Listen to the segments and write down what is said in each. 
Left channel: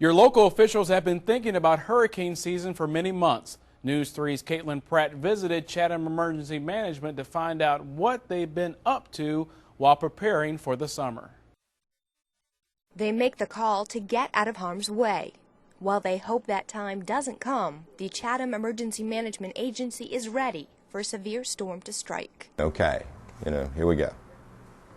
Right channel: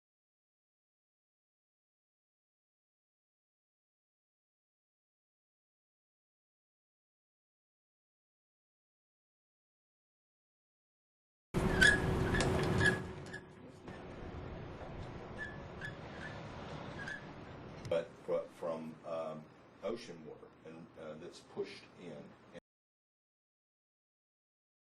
Your local officials have been thinking about hurricane season for many months. News 3's Caitlin Pratt visited Chatham Emergency Management to find out what they've been up to while preparing for the summer. They make the call to get out of harm's way. While they hope that time doesn't come, the Chatham Emergency Management Agency is ready for a severe storm to strike. Okay, here we go.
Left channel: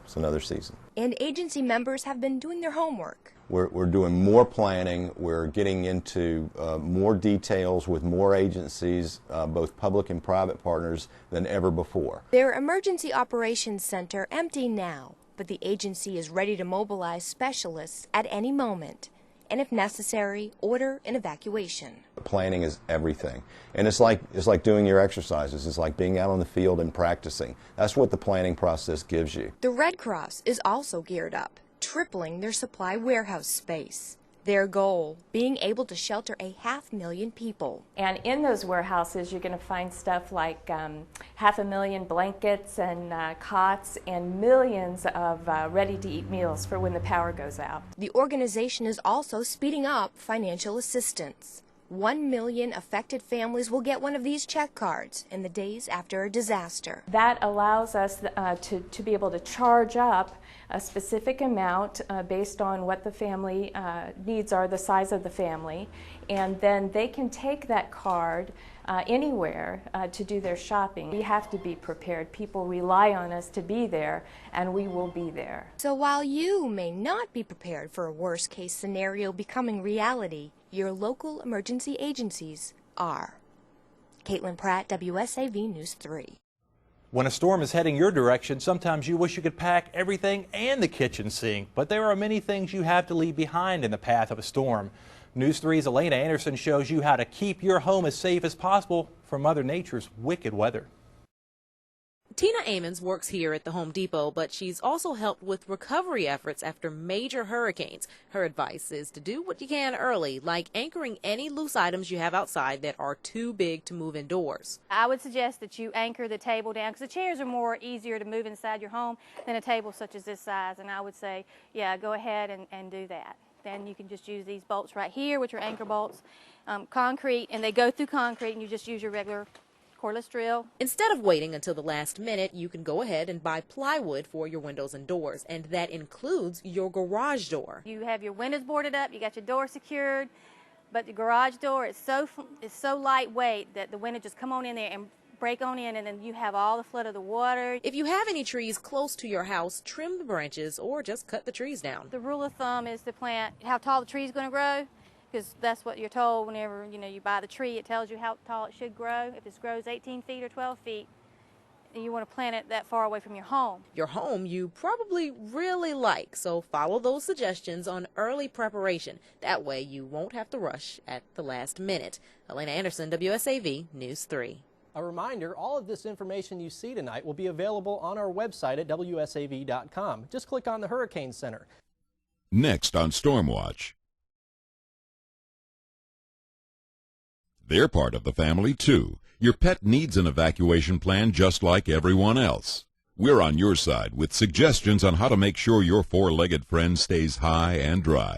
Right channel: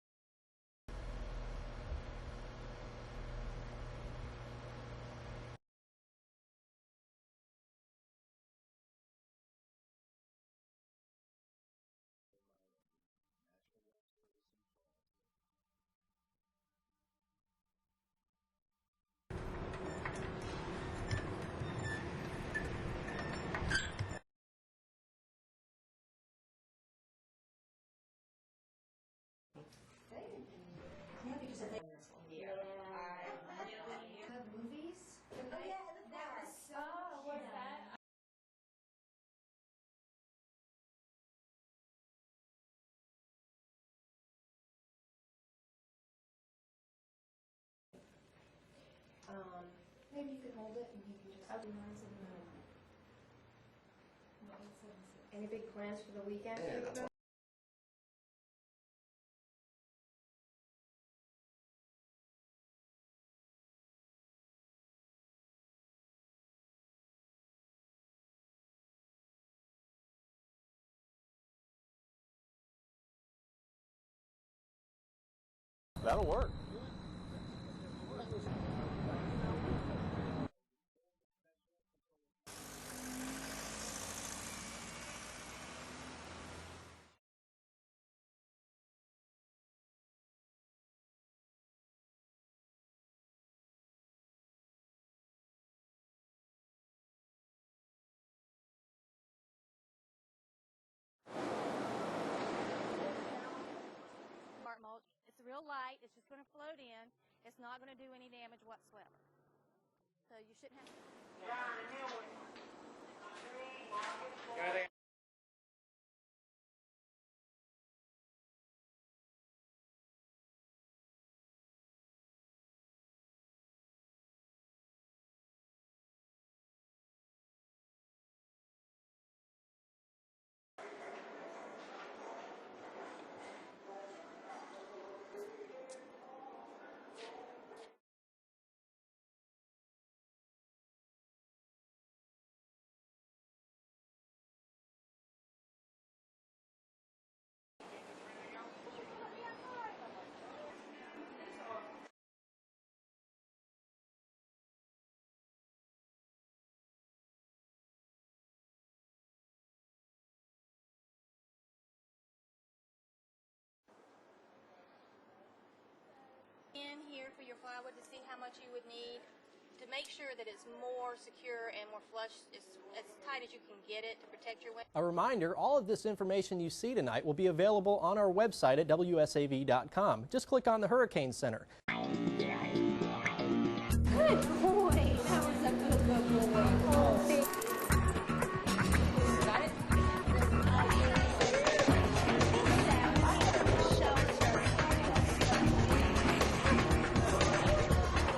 It's another season. And agency members have been doing their homework. We're doing more planning. We're getting into more details with more agencies, both public and private partners, than ever before. Their Emergency Operations Center empty now, but the agency is ready to mobilize specialists at any moment, and if necessary, order an evacuation. The planning is everything. And it's like doing your exercises. It's like being out on the field and practicing. That's what the planning process gives you. The Red Cross is also geared up, tripling their supply warehouse space. Their goal, being able to shelter 500,000 people. And in those warehouses, you're going to find stuff like 500,000 blankets and cots and millions of ready-to-eat meals for when the power goes out. The organization is also speeding up financial assistance. 1 million affected families will get one of these check cards in the days after a disaster. That allows us to be able to charge up a specific amount based on what the family needs are, the size of the family, and then they can take that card anywhere to do their shopping. We have to be prepared. People rely on us to be there, and we will be there. So while you may not be prepared for a worst-case scenario becoming reality, your local emergency agencies are. Caitlin Pratt, WSAV News 3. When a storm is heading your direction, sometimes you wish you could pack everything and the kitchen sink, but there are many things you have to leave behind in the path of a storm. News 3's Elena Anderson shows you how to keep your home as safe as possible from Mother Nature's wicked weather. Tina Amons works here at the Home Depot, but she's also helped with recovery efforts after major hurricanes. Her advice is to do what you can early, like anchoring any loose items you have outside that are too big to move indoors. I would suggest that you anchor the table down, because the chairs are more easier to move inside your home than a table such as this size, and I would say, yeah, go ahead and do that. Then you can just use these bolts right here, which are anchor bolts, concrete, and they go through concrete, and you just use your regular cordless drill. Instead of waiting until the last minute, you can go ahead and buy plywood for your windows and doors, and that includes your garage door. You have your windows boarded up, you got your door secured, but the garage door is so lightweight that the window just come on in there and break on in, and then you have all the flood of the water. If you have any trees close to your house, trim the branches or just cut the trees down. The rule of thumb is to plant how tall the tree is going to grow, because that's what you're told whenever you buy the tree. It tells you how tall it should grow. If it grows 18 feet or 12 feet, you want to plant it that far away from your home. Your home you probably really like, so follow those suggestions on early preparation. That way you won't have to rush at the last minute. Elena Anderson, WSAV News 3. A reminder, all of this information you see tonight will be available on our website at WSAV.com. Just click on the Hurricane Center. Next on Stormwatch. They're part of the family, too. Your pet needs an evacuation plan just like everyone else. We're on your side with suggestions on how to make sure your four-legged friend stays high and dry.